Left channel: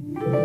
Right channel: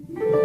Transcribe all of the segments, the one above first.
Oh.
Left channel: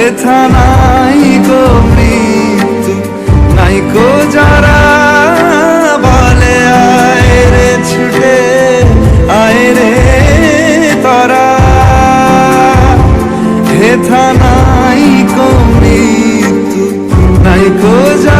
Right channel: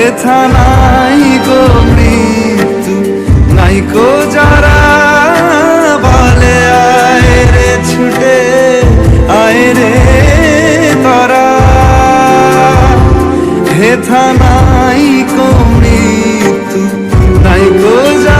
হেথা নাই গো মৃত্যু, নাই কো যারা বলে, আয় রে ছুটে, আয় রে তারা। হেথা নাই কো মৃত্যু, নাই কো যারা